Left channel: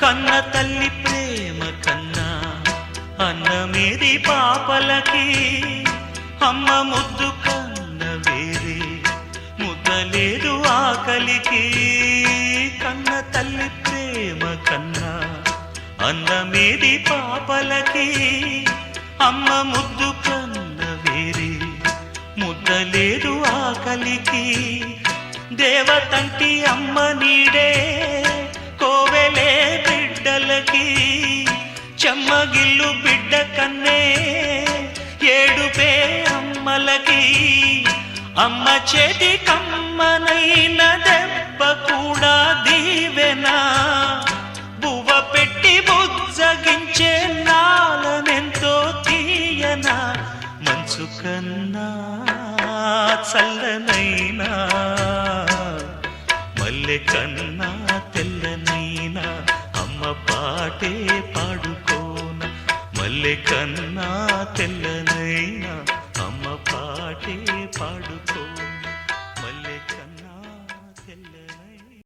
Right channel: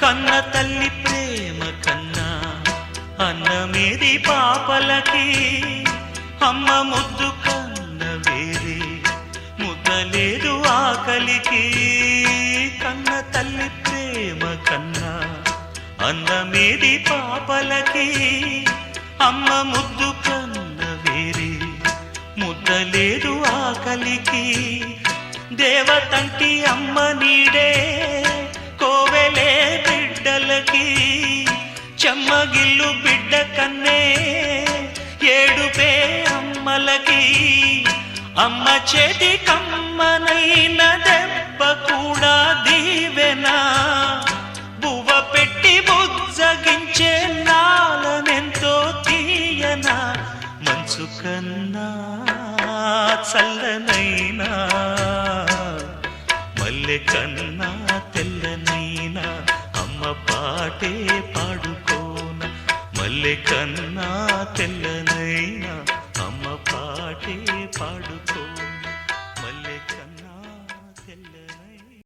కన్న తల్లి ప్రేమ కన్నా అన్నమేది పాపలకి, అమ్మ ముద్దు కన్న వేరే ముద్దలేదు ఆకలికి. కన్న తల్లి ప్రేమ కన్నా అన్నమేది పాపలకి, అమ్మ ముద్దు కన్న వేరే ముద్దలేదు ఆకలికి. దేవతంటి అమ్మ నీడే కోవెలే బిడ్డలకి, చెమ్మగిల్లు బిడ్డ కన్నే ఏడుపే అమ్మలకి. అమ్మ చేతి కమ్మనైన దెబ్బ కూడా దీవెనా, బువ్వ పెట్టి బుజ్జగించే నాలనెంతో తీయనా. మనసు కన్నా చల్లనైనా మల్లె కన్నా తెల్లనైనా అమ్మ పాటే పాడుకోన. మల్లె కన్నా తెల్లనైనా